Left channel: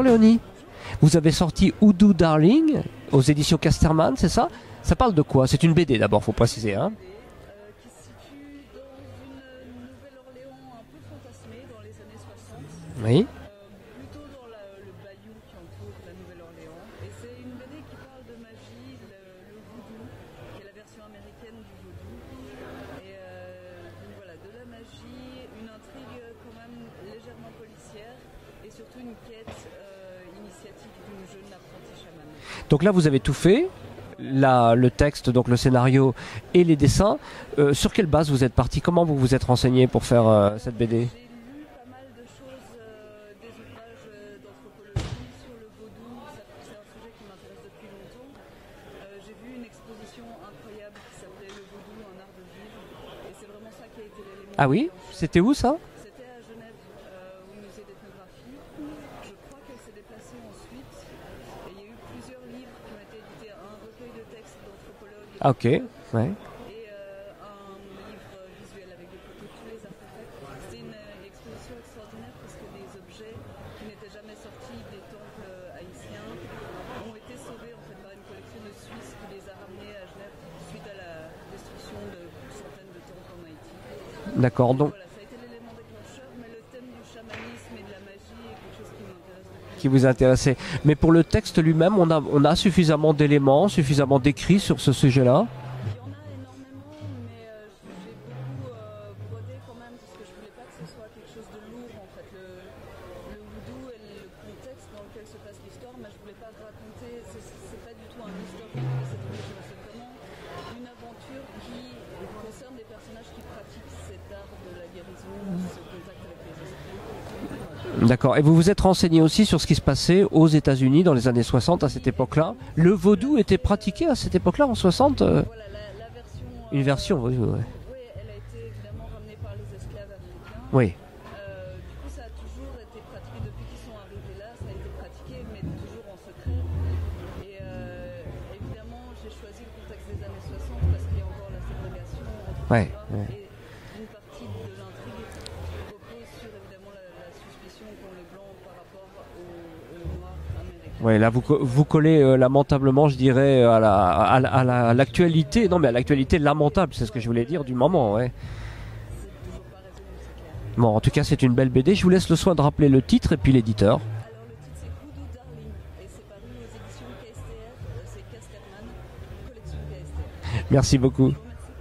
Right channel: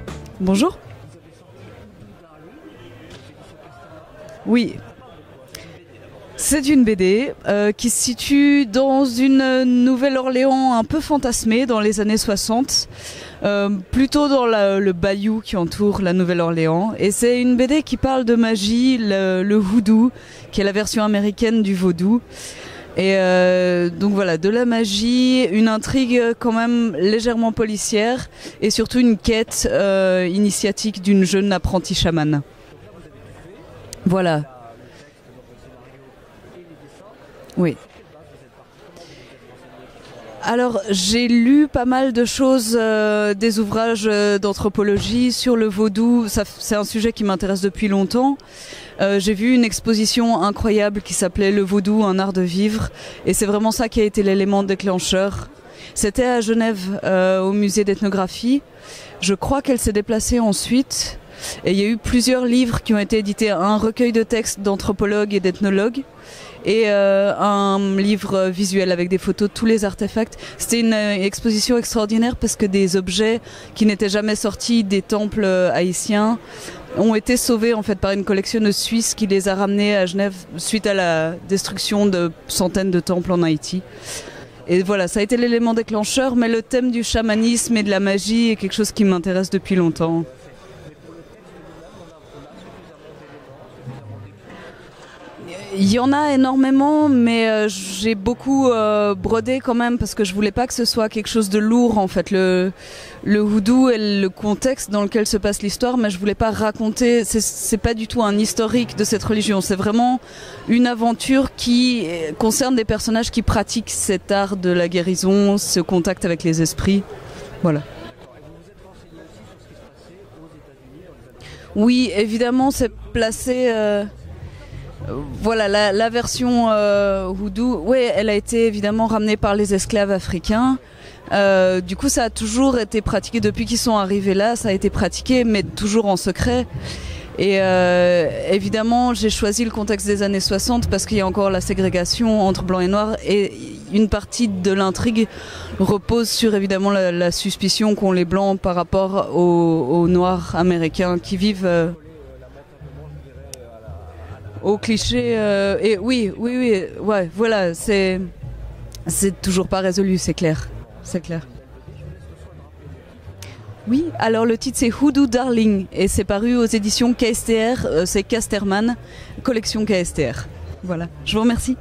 Bonjour Léonie. Bonjour. Vous avez sorti Hoodoo Darling aux éditions Casterman, c'est ça? Oui. Ça parle de quoi? C'est une BD d'abord, faut préciser. C'est une BD qui se situe dans une Nouvelle-Orléans un peu fantasmée dans les années 60. Oui. Plutôt dans le bayou qui entoure la Nouvelle-Orléans. Et c'est une BD qui parle de magie, le hoodoo, qui est la version américaine du vaudou. Et donc voilà, de la magie, une intrigue quand même légèrement policière et surtout une quête initiatique d'une jeune apprentie chamane. Donc là vous avez tout fait. Voilà. Le texte, donc le scénario et les dessins. Oui. Sur quelle base vous êtes parti? Comment vous vous êtes renseigné pour faire Alors cette BD? j'ai lu pas mal de choses, des ouvrages d'anthropologie sur le vaudou. C'est un sujet qui m'intéresse depuis longtemps. J'ai vu une exposition incroyable qui s'appelait Le Vaudou, un art de vivre. Et c'est vraiment ça qui a été l'élément déclencheur. C'était où ça? C'était à Genève, au musée d'ethnographie. Je crois qu'elle s'est déplacée ensuite. Et il y a eu plusieurs livres qui ont été édités, un recueil de textes d'anthropologues et d'ethnologues, et un livre visuel avec des photos de tous les artefacts. C'était une exposition extraordinaire parce que des objets qui n'étaient jamais sortis des temples haïtiens ont été sauvés en fait par une collectionneuse suisse qui les a ramenés à Genève suite à la destruction de centaines de temples en Haïti. D'accord. Et donc, voilà, ça a été l'élément déclencheur, mais le thème du chamanisme et de la magie est quelque chose qui m'intéresse depuis longtemps. qui vous intéressait. Mais pour le texte lui-même, on a suffisamment d'éléments, suffisamment d'écrits sur ce sujet-là? Il y en a énormément, mais j'ai beaucoup brodé quand même parce que je voulais pas que ce soit quelque chose de lourd en fait. Le hoodoo et le contexte dans lequel se passe l'histoire, mais je voulais pas raconter, c'est pas du tout un historique de cette religion, c'est vraiment une aventure qui concerne des personnages qui pratiquent cet art de la guérison, ce contact avec les esprits. Voilà. D'accord. Et vous vous êtes renseigné aussi sur ce qui se passait aux États-Unis dans les années 60? Oui, à cette évidemment, c'est le vaudou placé, était pratiqué à cette époque-là, en 60? Voilà, la version hoodoo, oui, elle a été évidemment ramenée par les esclaves africains. Oui. Du coup, ça a toujours été pratiqué depuis qu'ils sont arrivés là. Ça a été pratiqué, mais toujours en secret. Et évidemment, j'ai choisi le contexte des années 60 parce qu'il y a encore la ségrégation entre blanc et noir. Et une partie de l'intrigue repose sur évidemment la suspicion qu'ont les blancs par rapport aux noirs américains qui vivent. Vous collez lamentablement, je dirais, à l'actualité. Non, mais à l'actualité lamentable, c'est ce que je voulais dire. C'est toujours pas résolu, c'est clair. Bon, en tout cas, c'est une belle BD. Je vous laisse le soin de rappeler le titre et puis l'éditeur. Oui, alors le titre c'est Hoodoo Darling et c'est paru aux éditions KSTR, c'est Casterman, collection KSTR. Merci beaucoup. Je vous remercie.